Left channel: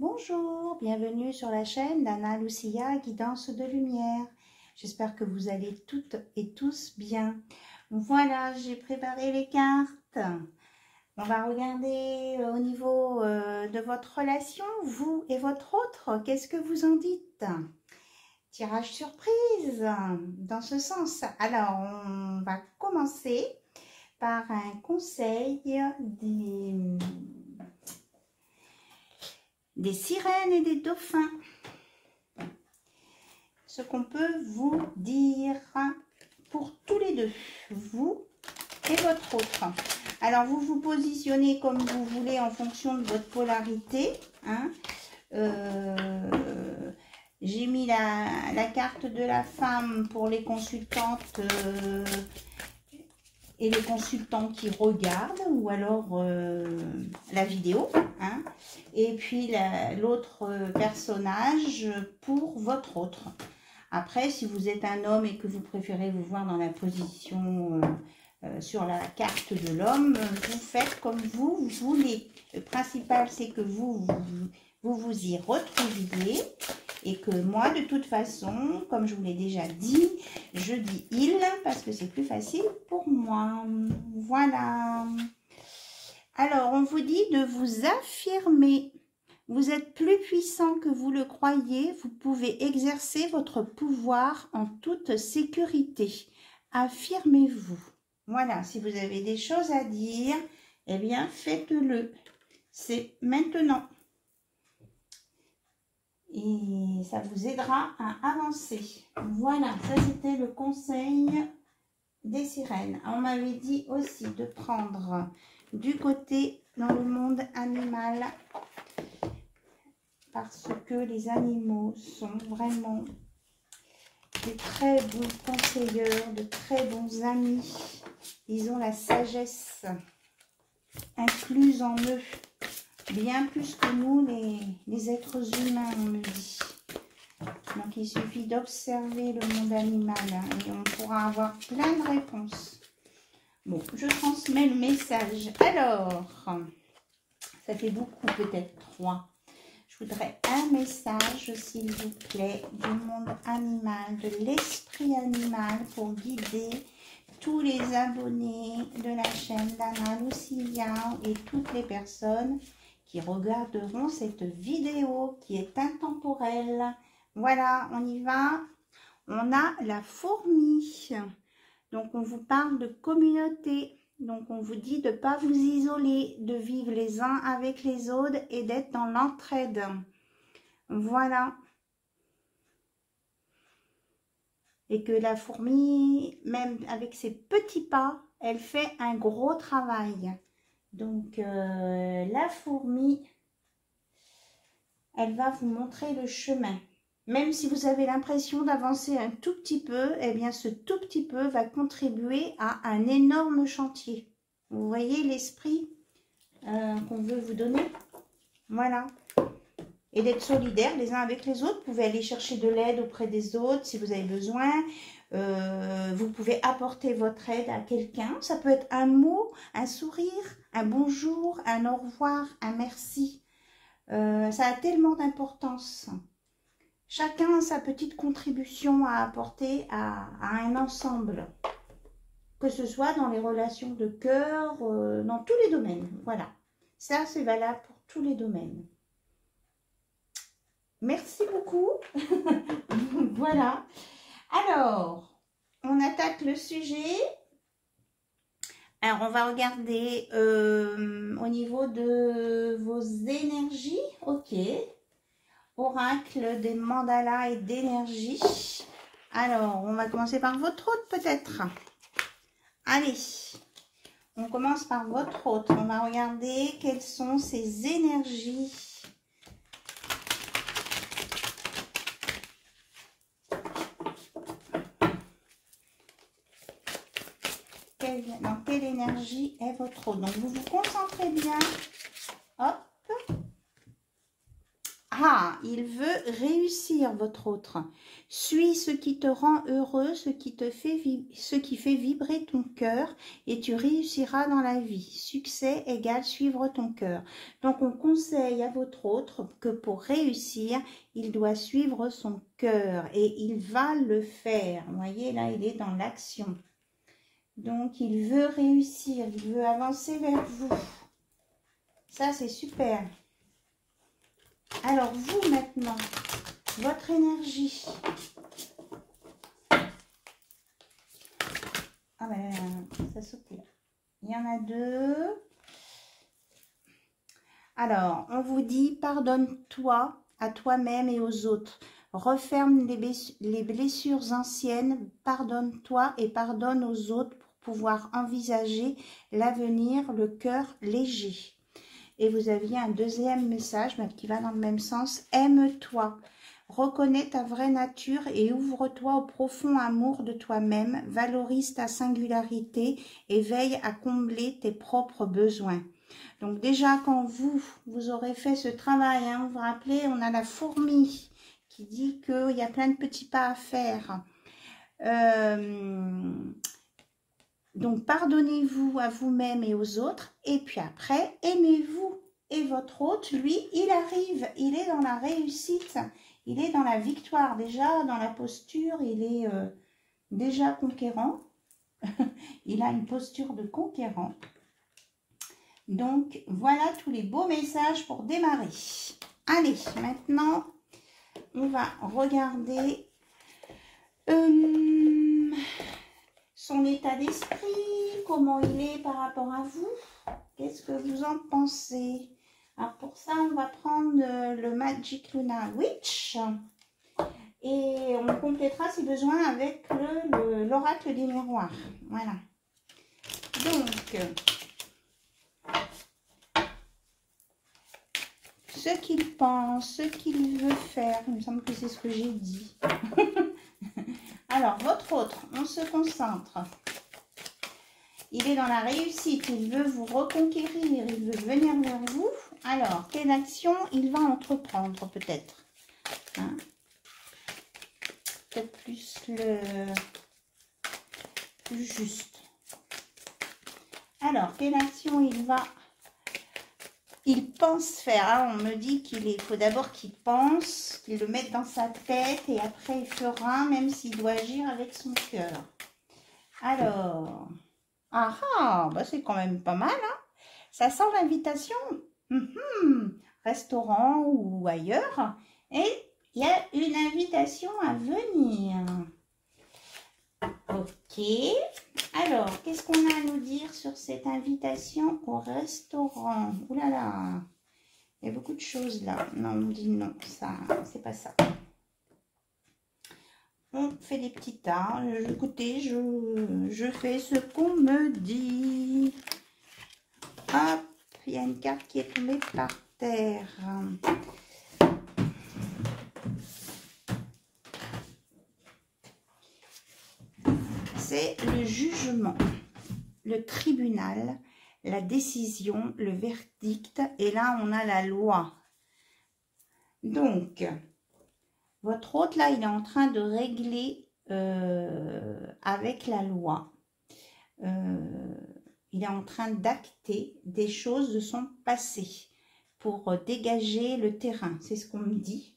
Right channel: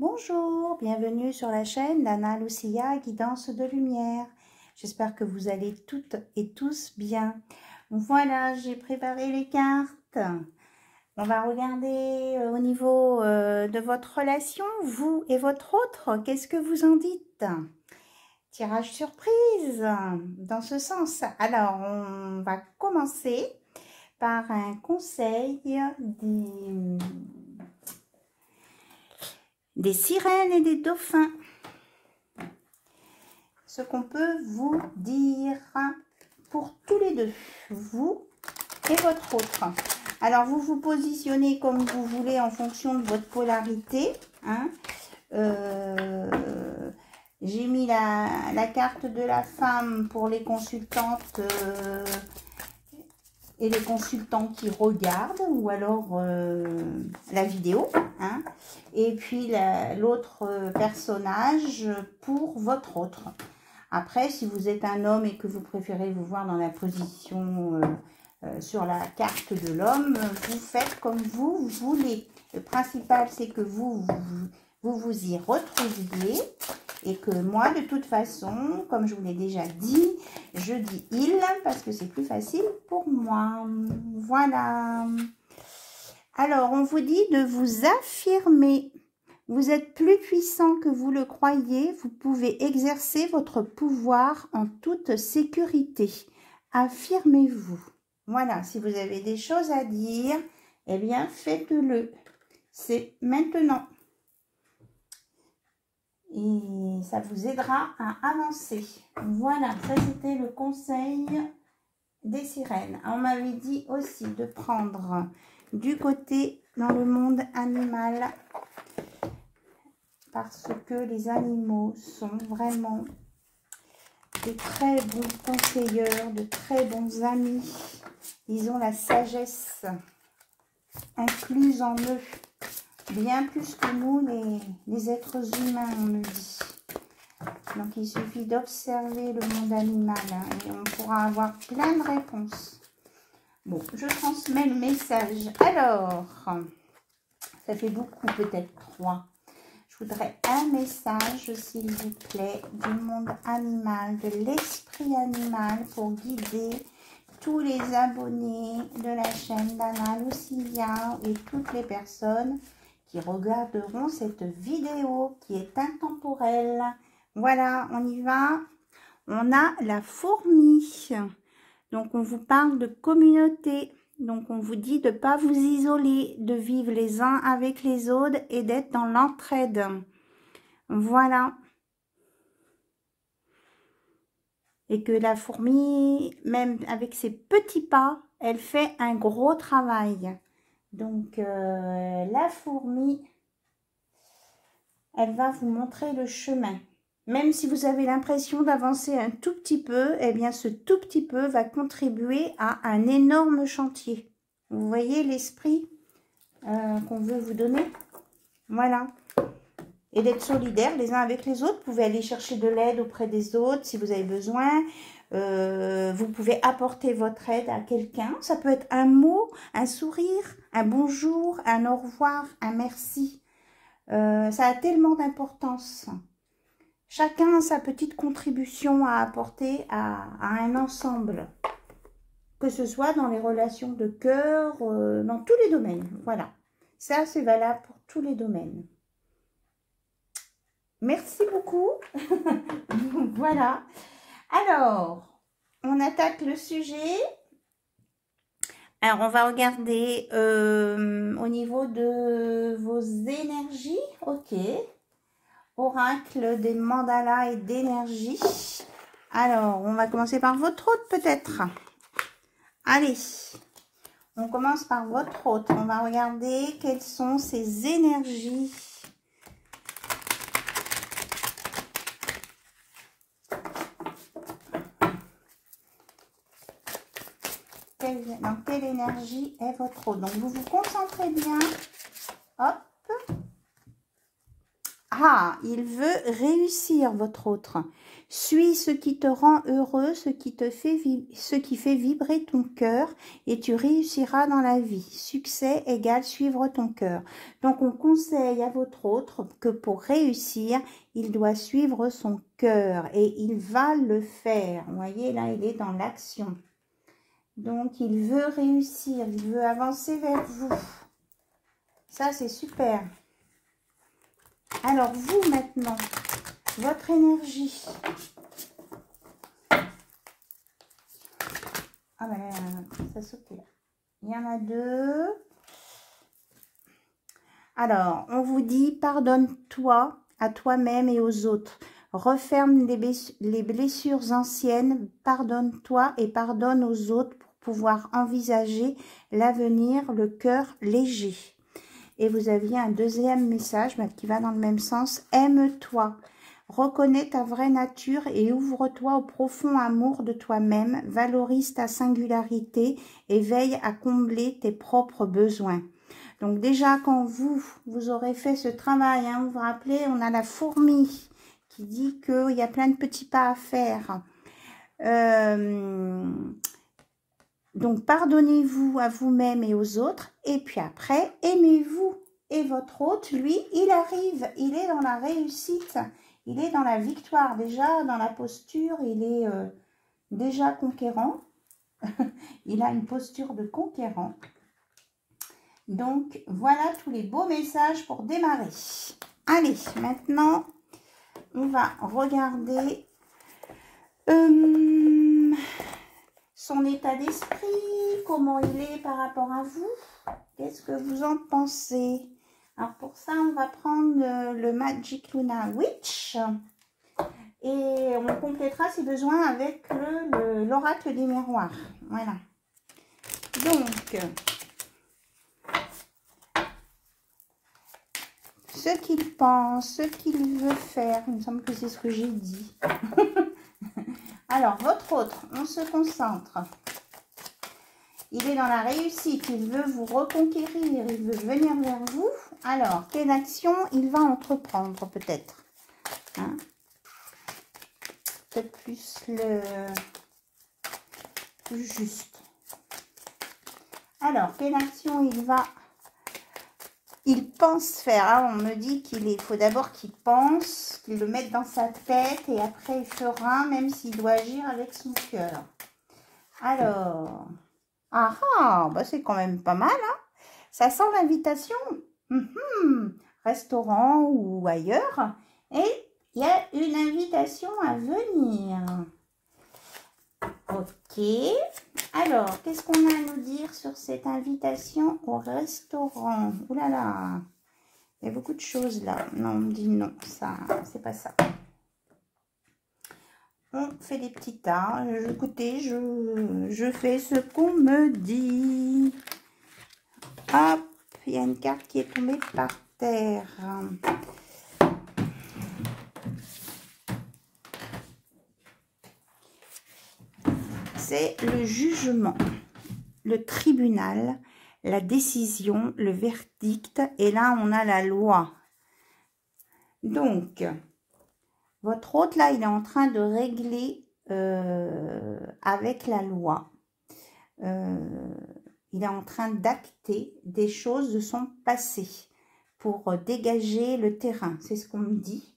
Bonjour, bienvenue sur la chaîne d'Anna Lucia, Guidance de Lumière. J'espère que vous allez toutes et tous bien. Voilà, j'ai préparé les cartes. On va regarder au niveau de votre relation, vous et votre autre. Qu'est-ce que vous en dites? Tirage surprise dans ce sens. Alors, on va commencer par un conseil des sirènes et des dauphins. Ce qu'on peut vous dire pour tous les deux, vous et votre autre. Alors, vous vous positionnez comme vous voulez en fonction de votre polarité. J'ai mis la carte de la femme pour les consultantes et les consultants qui regardent, ou alors la vidéo. Et puis l'autre personnage pour votre autre. Après, si vous êtes un homme et que vous préférez vous voir dans la position sur la carte de l'homme, vous faites comme vous voulez. Le principal, c'est que vous y retrouviez et que moi, de toute façon, comme je vous l'ai déjà dit, je dis « il » parce que c'est plus facile pour moi. Voilà. Alors, on vous dit de vous affirmer. Vous êtes plus puissant que vous le croyez. Vous pouvez exercer votre pouvoir en toute sécurité. Affirmez-vous. Voilà, si vous avez des choses à dire, eh bien, faites-le. C'est maintenant. Et ça vous aidera à avancer. Voilà, ça c'était le conseil des sirènes. On m'avait dit aussi de prendre du côté dans le monde animal, parce que les animaux sont vraiment de très bons conseilleurs, de très bons amis. Ils ont la sagesse incluse en eux, bien plus que nous les êtres humains, on me dit. Donc il suffit d'observer le monde animal et on pourra avoir plein de réponses. Bon, je transmets le message. Alors, ça fait beaucoup, peut-être 3. Je voudrais un message, s'il vous plaît, du monde animal, de l'esprit animal pour guider tous les abonnés de la chaîne d'Anna Lucia et toutes les personnes qui regarderont cette vidéo qui est intemporelle. Voilà, on y va. On a la fourmi. Donc, on vous parle de communauté. Donc, on vous dit de ne pas vous isoler, de vivre les uns avec les autres et d'être dans l'entraide. Voilà. Et que la fourmi, même avec ses petits pas, elle fait un gros travail. Donc, la fourmi, elle va vous montrer le chemin. Même si vous avez l'impression d'avancer un tout petit peu, eh bien, ce tout petit peu va contribuer à un énorme chantier. Vous voyez l'esprit qu'on veut vous donner? Voilà. Et d'être solidaires les uns avec les autres. Vous pouvez aller chercher de l'aide auprès des autres si vous avez besoin. Vous pouvez apporter votre aide à quelqu'un. Ça peut être un mot, un sourire, un bonjour, un au revoir, un merci. Ça a tellement d'importance. Chacun a sa petite contribution à apporter à un ensemble. Que ce soit dans les relations de cœur, dans tous les domaines. Voilà. Ça, c'est valable pour tous les domaines. Merci beaucoup. Voilà. Alors, on attaque le sujet. Alors, on va regarder au niveau de vos énergies. Ok. Oracle des mandalas et d'énergie. Alors, on va commencer par votre hôte peut-être. Allez, on commence par votre hôte. On va regarder quelles sont ses énergies. Dans quelle énergie est votre hôte? Donc, vous vous concentrez bien. Hop. Ah, il veut réussir, votre autre. Suis ce qui te rend heureux, ce qui fait vibrer ton cœur, et tu réussiras dans la vie. Succès égale suivre ton cœur. Donc, on conseille à votre autre que pour réussir, il doit suivre son cœur, et il va le faire. Vous voyez, là, il est dans l'action. Donc, il veut réussir, il veut avancer vers vous. Ça, c'est super. Alors, vous, maintenant, votre énergie. Ah ben, ça sautait là. Il y en a deux. Alors, on vous dit, pardonne-toi à toi-même et aux autres. Referme les blessures anciennes, pardonne-toi et pardonne aux autres pour pouvoir envisager l'avenir, le cœur léger. Et vous aviez un deuxième message qui va dans le même sens. Aime-toi, reconnais ta vraie nature et ouvre-toi au profond amour de toi-même. Valorise ta singularité et veille à combler tes propres besoins. Donc déjà, quand vous aurez fait ce travail, hein, vous vous rappelez, on a la fourmi qui dit qu'il y a plein de petits pas à faire. Donc, pardonnez-vous à vous-même et aux autres. Et puis après, aimez-vous. Et votre hôte, lui, il arrive. Il est dans la réussite. Il est dans la victoire. Déjà, dans la posture, il est déjà conquérant. Il a une posture de conquérant. Donc, voilà tous les beaux messages pour démarrer. Allez, maintenant, on va regarder son état d'esprit, comment il est par rapport à vous. Qu'est-ce que vous en pensez? Alors, pour ça, on va prendre le Magic Luna Witch. Et on complétera si besoin avec l'oracle des miroirs. Voilà. Donc, ce qu'il pense, ce qu'il veut faire. Il me semble que c'est ce que j'ai dit. Alors, votre autre, on se concentre. Il est dans la réussite, il veut vous reconquérir, il veut venir vers vous. Alors, quelle action il va entreprendre peut-être, hein? Peut-être plus juste. Alors, quelle action il pense faire, hein? On me dit qu'il faut d'abord qu'il pense, qu'il le mette dans sa tête et après il fera, même s'il doit agir avec son cœur. Alors, bah c'est quand même pas mal, hein? Ça sent l'invitation. Restaurant ou ailleurs. Et il y a une invitation à venir. Ok. Alors, qu'est-ce qu'on a à nous dire sur cette invitation au restaurant? Ouh là là. Il y a beaucoup de choses là. Non, on dit non. Ça, c'est pas ça. On fait des petits tas. Écoutez, je fais ce qu'on me dit. Hop, il y a une carte qui est tombée par terre. C'est le jugement, le tribunal, la décision, le verdict. Et là, on a la loi. Donc, votre hôte, là, il est en train de régler avec la loi. Il est en train d'acter des choses de son passé pour dégager le terrain. C'est ce qu'on me dit.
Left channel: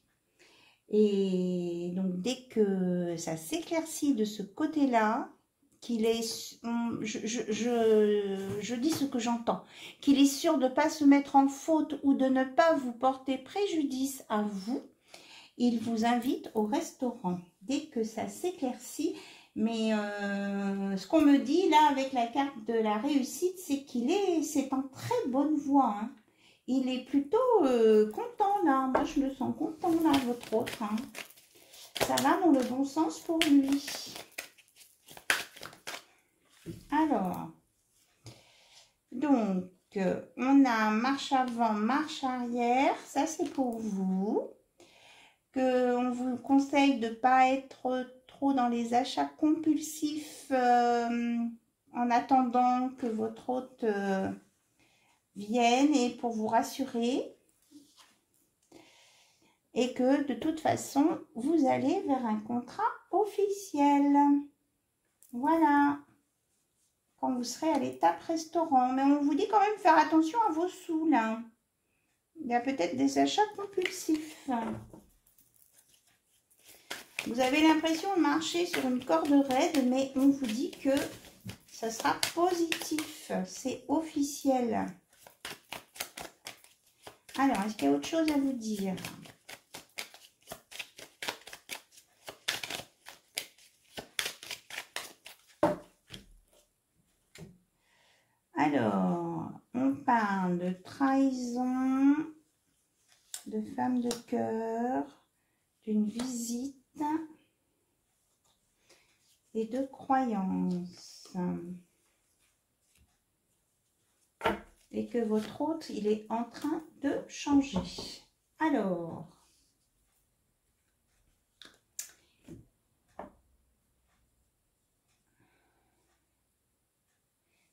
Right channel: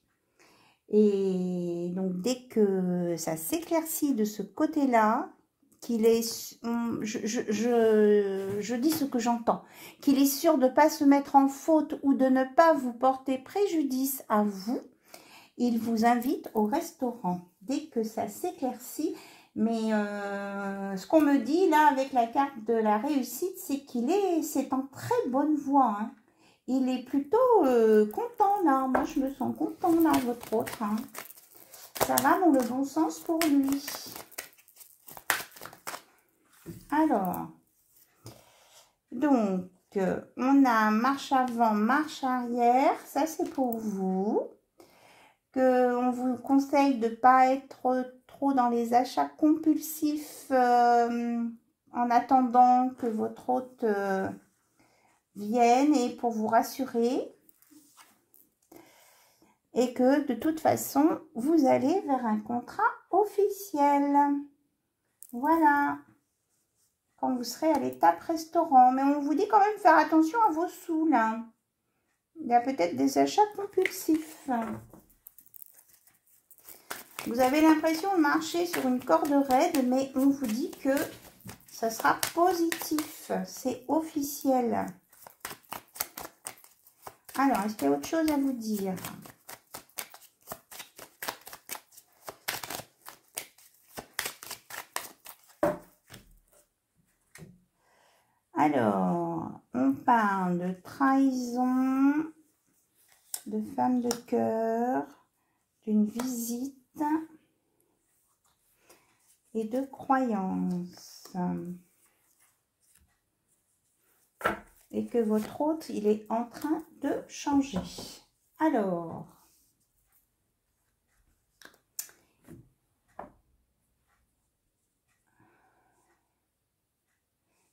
Et donc, dès que ça s'éclaircit de ce côté-là, qu'il est, je dis ce que j'entends, qu'il est sûr de ne pas se mettre en faute ou de ne pas vous porter préjudice à vous, il vous invite au restaurant. Dès que ça s'éclaircit, mais ce qu'on me dit là avec la carte de la réussite, c'est c'est en très bonne voie, hein. Il est plutôt content là. Moi, je me sens content là, votre autre, hein. Ça va dans le bon sens pour lui. Alors, donc, on a marche avant, marche arrière. Ça, c'est pour vous. On vous conseille de ne pas être trop dans les achats compulsifs en attendant que votre hôte vienne et pour vous rassurer. et que de toute façon, vous allez vers un contrat officiel. Voilà. Quand vous serez à l'étape restaurant. Mais on vous dit quand même faire attention à vos sous, là. Il y a peut-être des achats compulsifs. Vous avez l'impression de marcher sur une corde raide, mais on vous dit que ça sera positif. C'est officiel. Alors, est-ce qu'il y a autre chose à vous dire? Alors, on parle de trahison, de femme de cœur, d'une visite et de croyance. Et que votre hôte, il est en train de changer. Alors,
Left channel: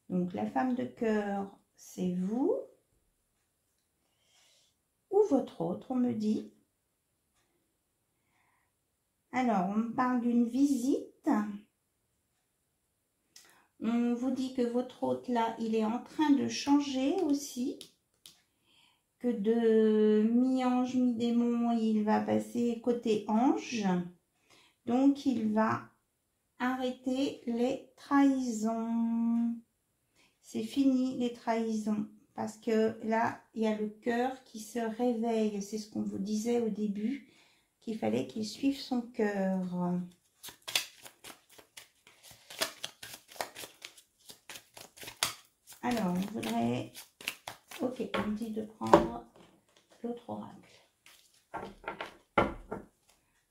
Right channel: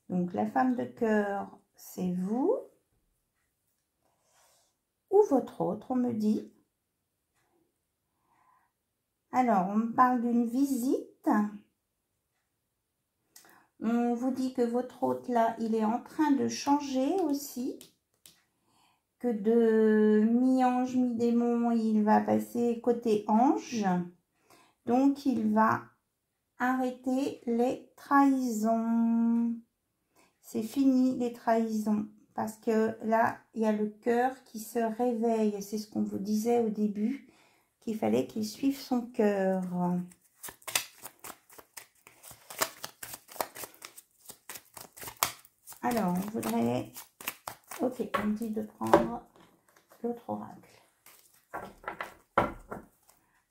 donc la femme de cœur, c'est vous ou votre hôte, on me dit. Alors, on me parle d'une visite. On vous dit que votre hôte, là, il est en train de changer aussi. Que de mi-ange, mi-démon, il va passer côté ange. Donc, il va arrêter les trahisons. C'est fini les trahisons. Parce que là, il y a le cœur qui se réveille. C'est ce qu'on vous disait au début, qu'il fallait qu'il suive son cœur. Alors, on voudrait... Ok, on me dit de prendre l'autre oracle.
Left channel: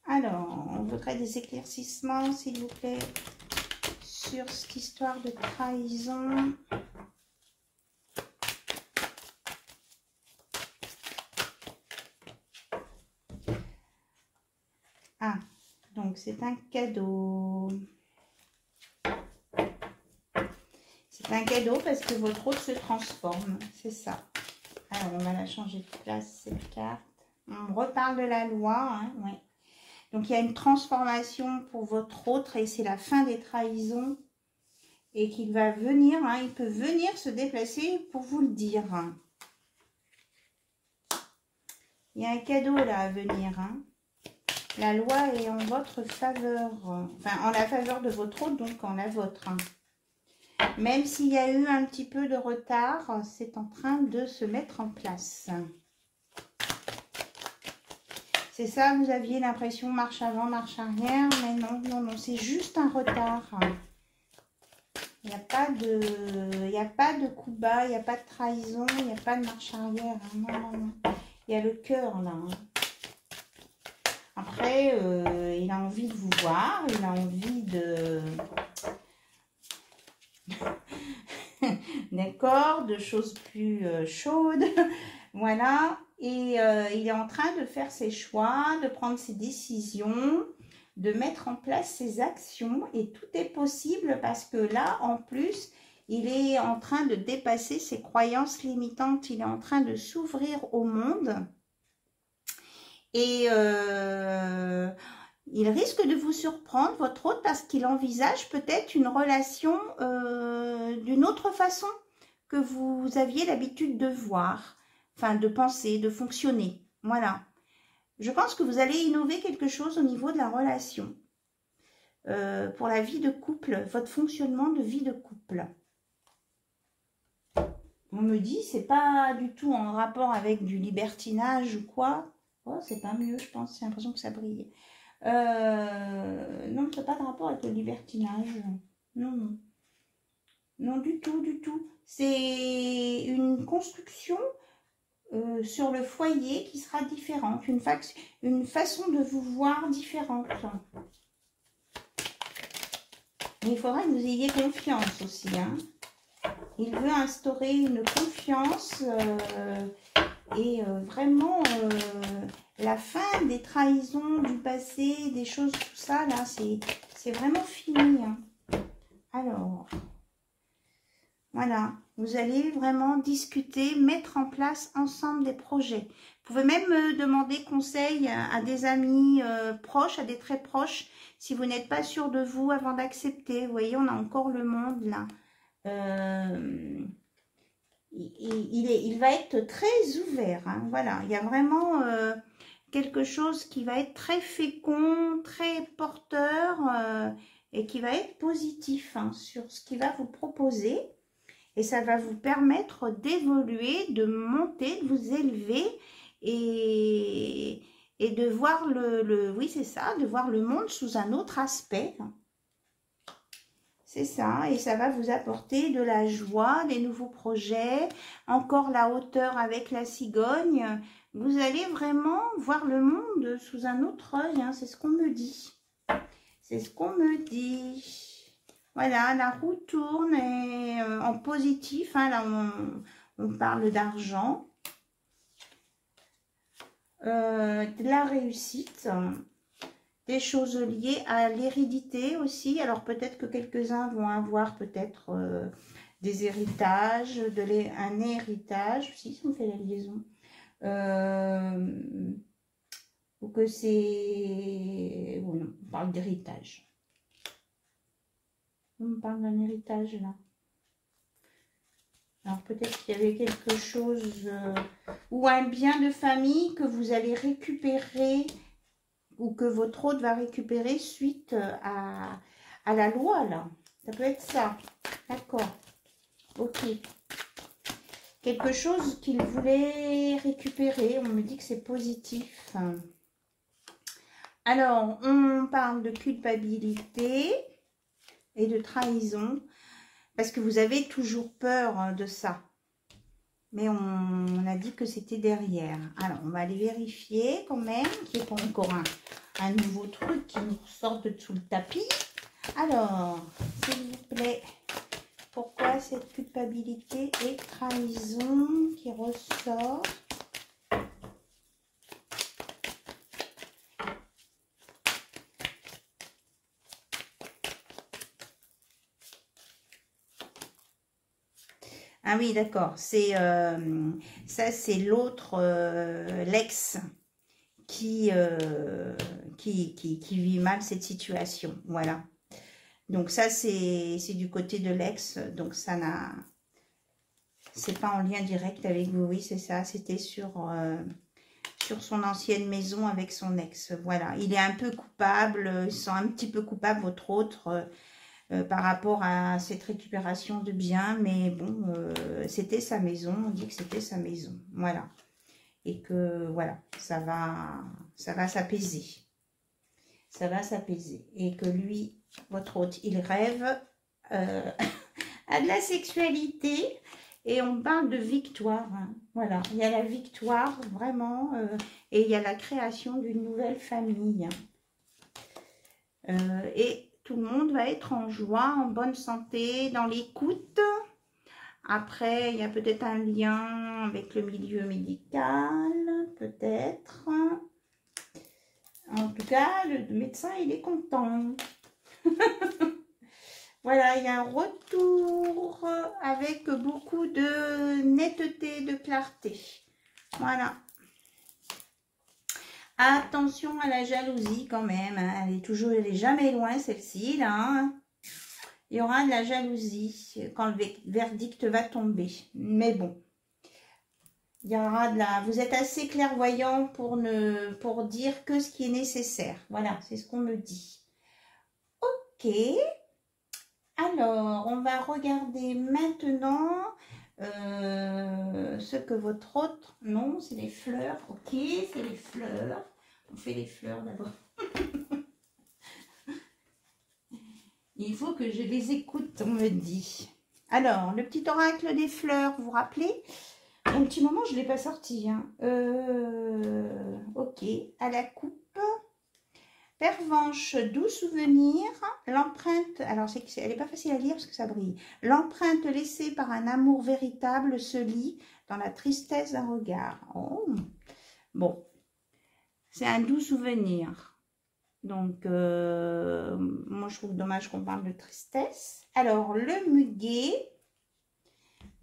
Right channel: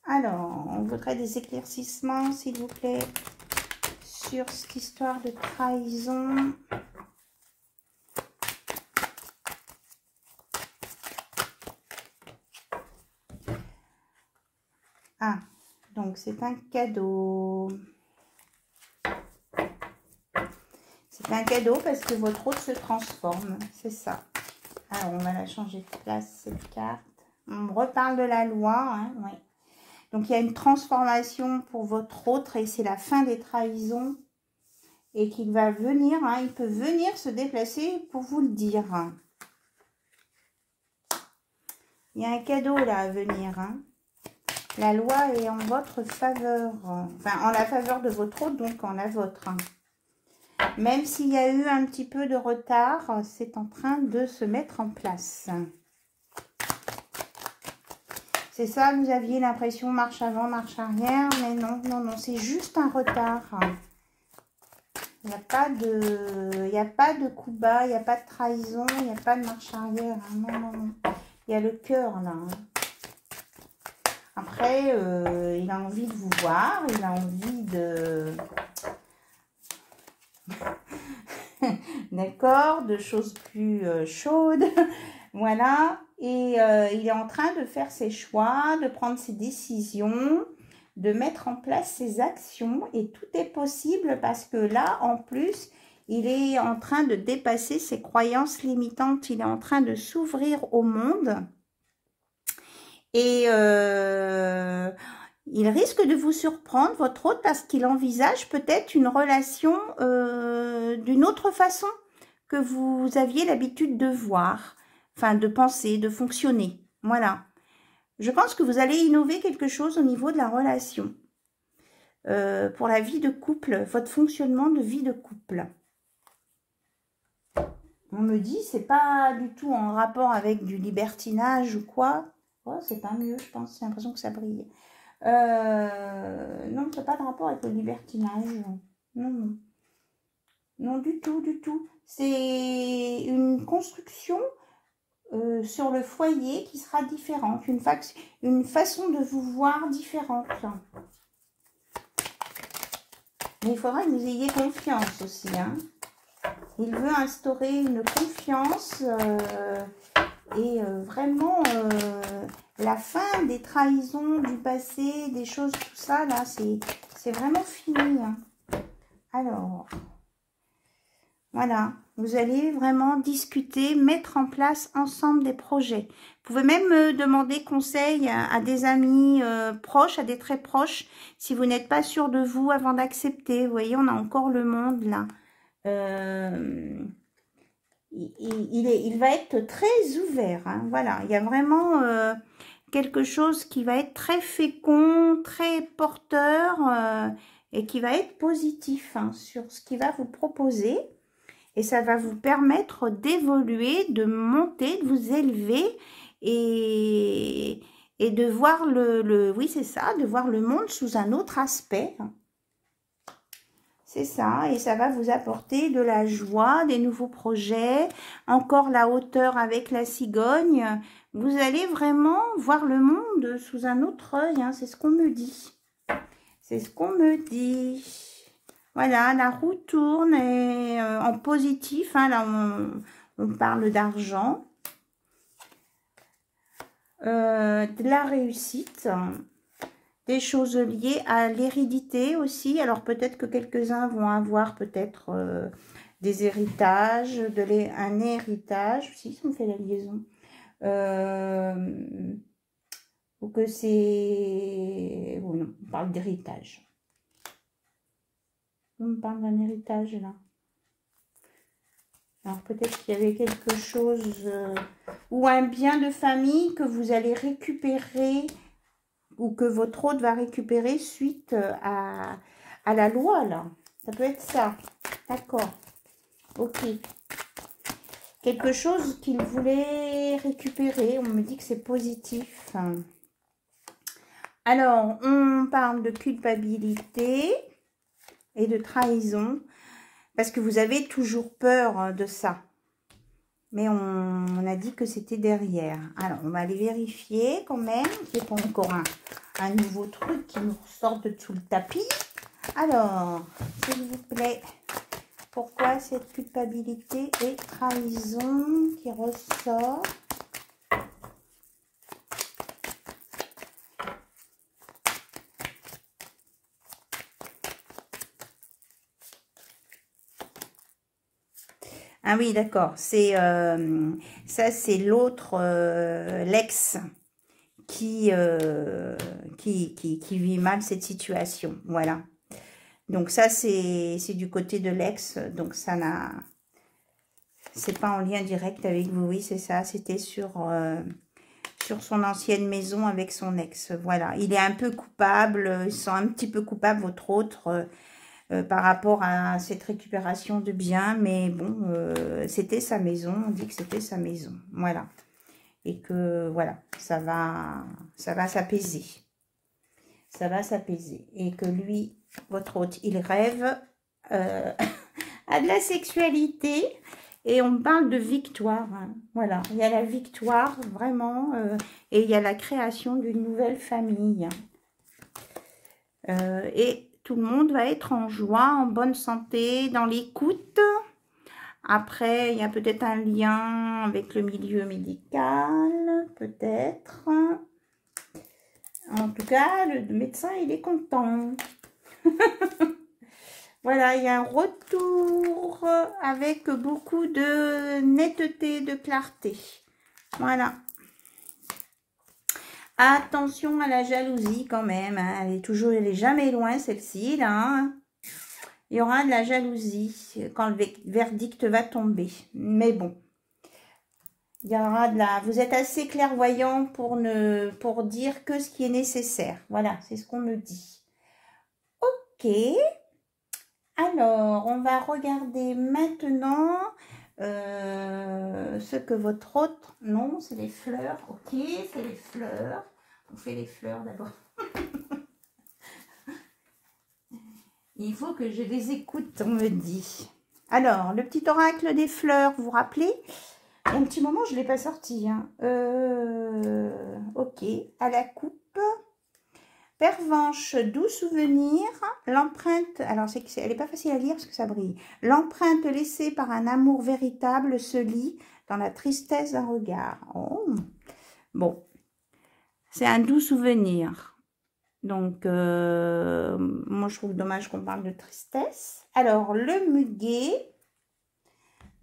Alors, on voudrait des éclaircissements, s'il vous plaît, sur cette histoire de trahison. Ah, donc c'est un cadeau. C'est un cadeau parce que votre hôte se transforme, c'est ça. Alors, on va la changer de place, cette carte. On reparle de la loi, hein, ouais. Donc, il y a une transformation pour votre hôte et c'est la fin des trahisons. Et qu'il va venir, hein, il peut venir se déplacer pour vous le dire. Il y a un cadeau là à venir, hein. La loi est en votre faveur, enfin en la faveur de votre hôte, donc en la vôtre. Hein. Même s'il y a eu un petit peu de retard, c'est en train de se mettre en place. C'est ça, vous aviez l'impression marche avant, marche arrière, mais non, non, non, c'est juste un retard. Il n'y a pas de coup bas, il n'y a pas de trahison, il n'y a pas de marche arrière. Hein. Non, non, non. Il y a le cœur là. Hein. Après, il a envie de vous voir, il a envie de... D'accord, de choses plus chaudes. Voilà. Et il est en train de faire ses choix, de prendre ses décisions, de mettre en place ses actions. Et tout est possible parce que là, en plus, il est en train de dépasser ses croyances limitantes. Il est en train de s'ouvrir au monde. Et il risque de vous surprendre, votre hôte, parce qu'il envisage peut-être une relation d'une autre façon que vous aviez l'habitude de voir, enfin de penser, de fonctionner. Voilà. Je pense que vous allez innover quelque chose au niveau de la relation. Pour la vie de couple, votre fonctionnement de vie de couple. On me dit, c'est pas du tout en rapport avec du libertinage ou quoi. Oh, c'est pas mieux, je pense. J'ai l'impression que ça brille. Non, c'est pas de rapport avec le libertinage. Non, non. Non, du tout, du tout. C'est une construction sur le foyer qui sera différente. Une façon de vous voir différente. Mais il faudra que vous ayez confiance aussi. Hein. Il veut instaurer une confiance et vraiment la fin des trahisons du passé, des choses, tout ça, là, c'est vraiment fini. Hein. Alors, voilà, vous allez vraiment discuter, mettre en place ensemble des projets. Vous pouvez même demander conseil à des amis proches, à des très proches, si vous n'êtes pas sûr de vous avant d'accepter. Vous voyez, on a encore le monde là. Il va être très ouvert. Hein, voilà, il y a vraiment quelque chose qui va être très fécond, très porteur et qui va être positif hein, sur ce qu'il va vous proposer. Et ça va vous permettre d'évoluer, de monter, de vous élever et de voir oui, c'est ça, de voir le monde sous un autre aspect. C'est ça, et ça va vous apporter de la joie, des nouveaux projets, encore la hauteur avec la cigogne. Vous allez vraiment voir le monde sous un autre œil, hein, c'est ce qu'on me dit. C'est ce qu'on me dit. Voilà, la roue tourne et, en positif, hein, là on parle d'argent, de la réussite, des choses liées à l'hérédité aussi. Alors peut-être que quelques-uns vont avoir peut-être des héritages, un héritage, si on fait la liaison, ou que c'est... Bon, non, on parle d'héritage. On me parle d'un héritage là. Alors peut-être qu'il y avait quelque chose ou un bien de famille que vous allez récupérer ou que votre hôte va récupérer suite à la loi là. Ça peut être ça. D'accord. Ok. Quelque chose qu'il voulait récupérer. On me dit que c'est positif. Alors, on parle de culpabilité et de trahison. Parce que vous avez toujours peur de ça. Mais on a dit que c'était derrière. Alors, on va aller vérifier quand même. Il n'y a pas encore un nouveau truc qui nous ressort de sous le tapis. Alors, s'il vous plaît, pourquoi cette culpabilité et trahison qui ressort? Ah oui, d'accord. C'est ça, c'est l'autre, l'ex qui vit mal cette situation. Voilà. Donc ça, c'est du côté de l'ex. Donc ça n'a... C'est pas en lien direct avec vous. Oui, c'est ça. C'était sur son ancienne maison avec son ex. Voilà. Il est un peu coupable. Il se sent un petit peu coupable, votre autre... par rapport à cette récupération de biens, mais bon, c'était sa maison, on dit que c'était sa maison, voilà, et que voilà, ça va s'apaiser, ça va s'apaiser, et que lui, votre hôte, il rêve à de la sexualité, et on parle de victoire, hein. Voilà, il y a la victoire, vraiment, et il y a la création d'une nouvelle famille, et tout le monde va être en joie, en bonne santé, dans l'écoute. Après, il y a peut-être un lien avec le milieu médical, peut-être. En tout cas, le médecin, il est content. Voilà, il y a un retour avec beaucoup de netteté, de clarté. Voilà. Attention à la jalousie quand même, hein. Elle est jamais loin celle-ci, là, hein. Il y aura de la jalousie quand le verdict va tomber. Mais bon, il y aura de la... Vous êtes assez clairvoyant pour dire que ce qui est nécessaire. Voilà, c'est ce qu'on me dit. Ok. Alors, on va regarder maintenant ce que votre autre... Non, c'est les fleurs. Ok, c'est les fleurs. On fait les fleurs d'abord. Il faut que je les écoute, on me dit. Alors, le petit oracle des fleurs, vous vous rappelez? Un petit moment, je ne l'ai pas sorti. Hein. Ok, à la coupe. Pervenche, doux souvenir. L'empreinte, alors elle n'est pas facile à lire parce que ça brille. L'empreinte laissée par un amour véritable se lit dans la tristesse d'un regard. Oh. Bon, c'est un doux souvenir. Donc, moi, je trouve dommage qu'on parle de tristesse. Alors, le muguet.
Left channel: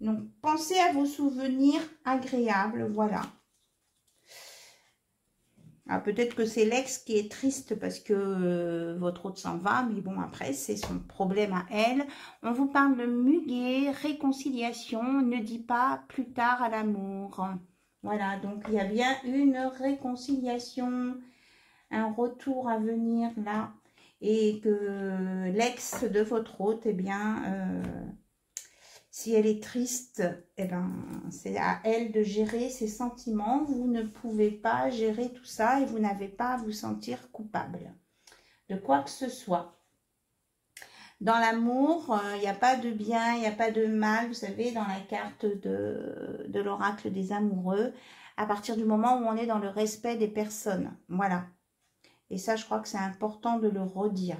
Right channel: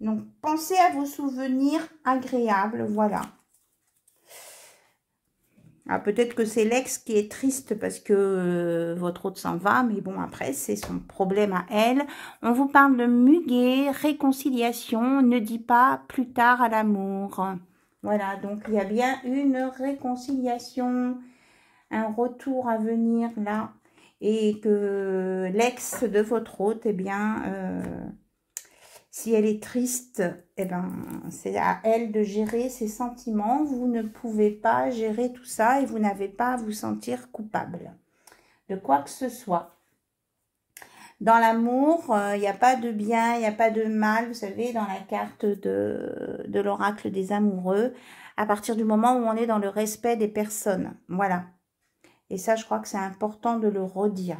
Donc, pensez à vos souvenirs agréables, voilà. Ah, peut-être que c'est l'ex qui est triste parce que votre autre s'en va, mais bon, après, c'est son problème à elle. On vous parle de muguet, réconciliation, ne dit pas plus tard à l'amour. Voilà, donc il y a bien une réconciliation, un retour à venir là, et que l'ex de votre hôte, eh bien, si elle est triste, eh ben, c'est à elle de gérer ses sentiments. Vous ne pouvez pas gérer tout ça et vous n'avez pas à vous sentir coupable de quoi que ce soit. Dans l'amour, il n'y a pas de bien, il n'y a pas de mal. Vous savez, dans la carte de l'oracle des amoureux, à partir du moment où on est dans le respect des personnes. Voilà. Et ça, je crois que c'est important de le redire.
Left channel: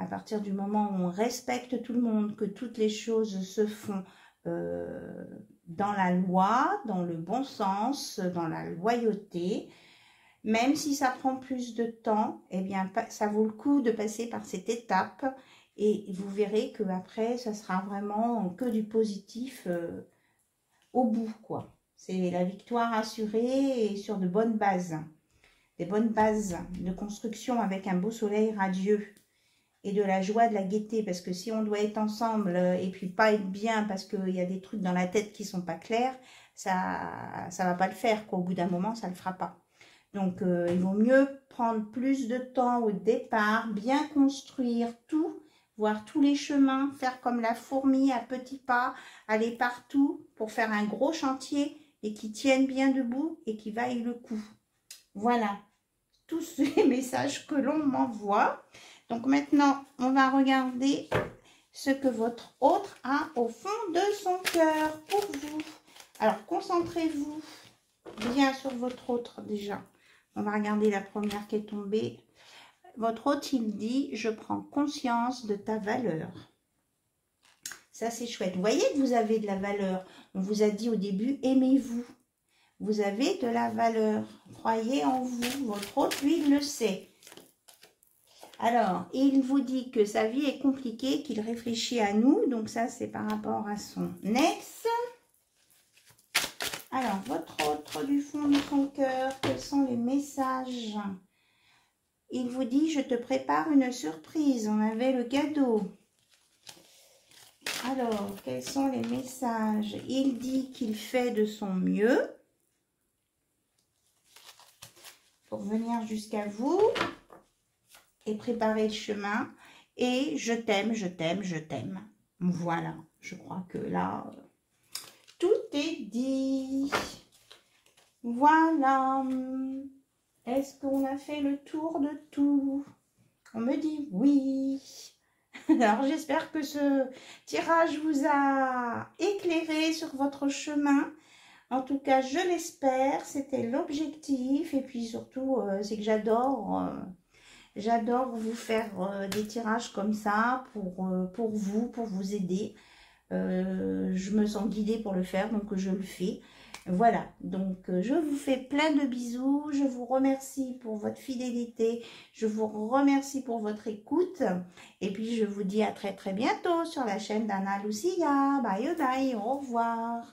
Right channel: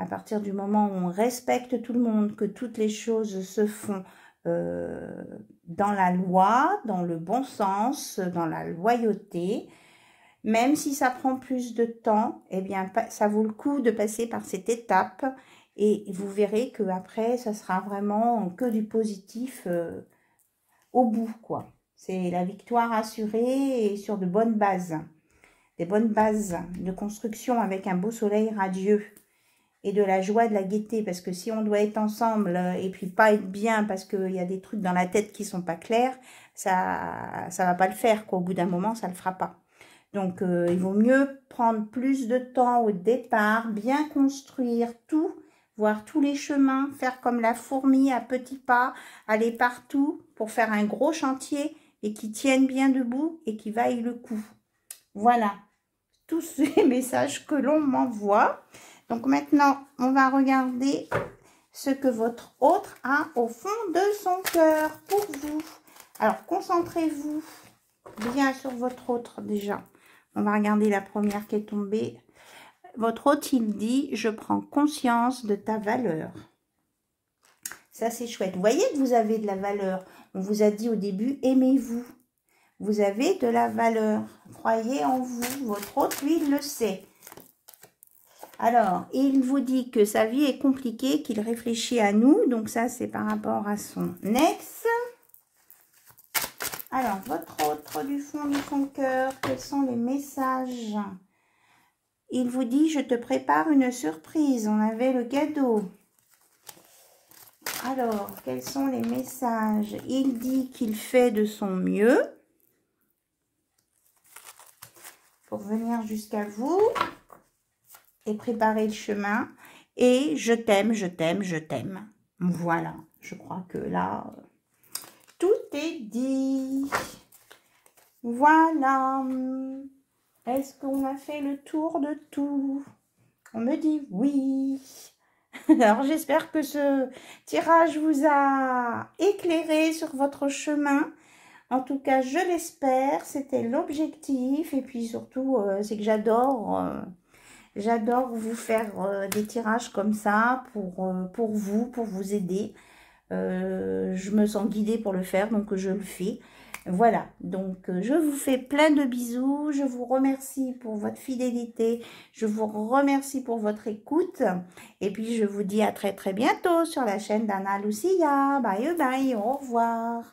À partir du moment où on respecte tout le monde, que toutes les choses se font dans la loi, dans le bon sens, dans la loyauté, même si ça prend plus de temps, eh bien, ça vaut le coup de passer par cette étape et vous verrez qu'après, ça sera vraiment que du positif au bout, quoi. C'est la victoire assurée et sur de bonnes bases. Des bonnes bases de construction avec un beau soleil radieux et de la joie, de la gaieté, parce que si on doit être ensemble et puis pas être bien parce qu'il y a des trucs dans la tête qui sont pas clairs, ça va pas le faire, quoi. Au bout d'un moment, ça le fera pas. Donc, il vaut mieux prendre plus de temps au départ, bien construire tout, voir tous les chemins, faire comme la fourmi à petits pas, aller partout pour faire un gros chantier et qui tienne bien debout et qui vaille le coup. Voilà, tous ces messages que l'on m'envoie. Donc maintenant, on va regarder ce que votre autre a au fond de son cœur pour vous. Alors, concentrez-vous bien sur votre autre déjà. On va regarder la première qui est tombée. Votre autre, il dit, je prends conscience de ta valeur. Ça, c'est chouette. Vous voyez que vous avez de la valeur. On vous a dit au début, aimez-vous. Vous avez de la valeur. Croyez en vous. Votre autre, lui, il le sait. Alors, il vous dit que sa vie est compliquée, qu'il réfléchit à nous. Donc ça, c'est par rapport à son ex. Alors, votre autre du fond de son cœur, quels sont les messages? Il vous dit, je te prépare une surprise. On avait le cadeau. Alors, quels sont les messages? Il dit qu'il fait de son mieux pour venir jusqu'à vous et préparer le chemin. Et je t'aime, je t'aime, je t'aime. Voilà, je crois que là, tout est dit. Voilà. Est-ce qu'on a fait le tour de tout? On me dit oui. Alors, j'espère que ce tirage vous a éclairé sur votre chemin. En tout cas, je l'espère. C'était l'objectif. Et puis surtout, c'est que j'adore vous faire des tirages comme ça pour vous aider. Je me sens guidée pour le faire, donc je le fais. Voilà, donc je vous fais plein de bisous. Je vous remercie pour votre fidélité. Je vous remercie pour votre écoute. Et puis, je vous dis à très très bientôt sur la chaîne d'Anna Lucia. Bye bye, au revoir.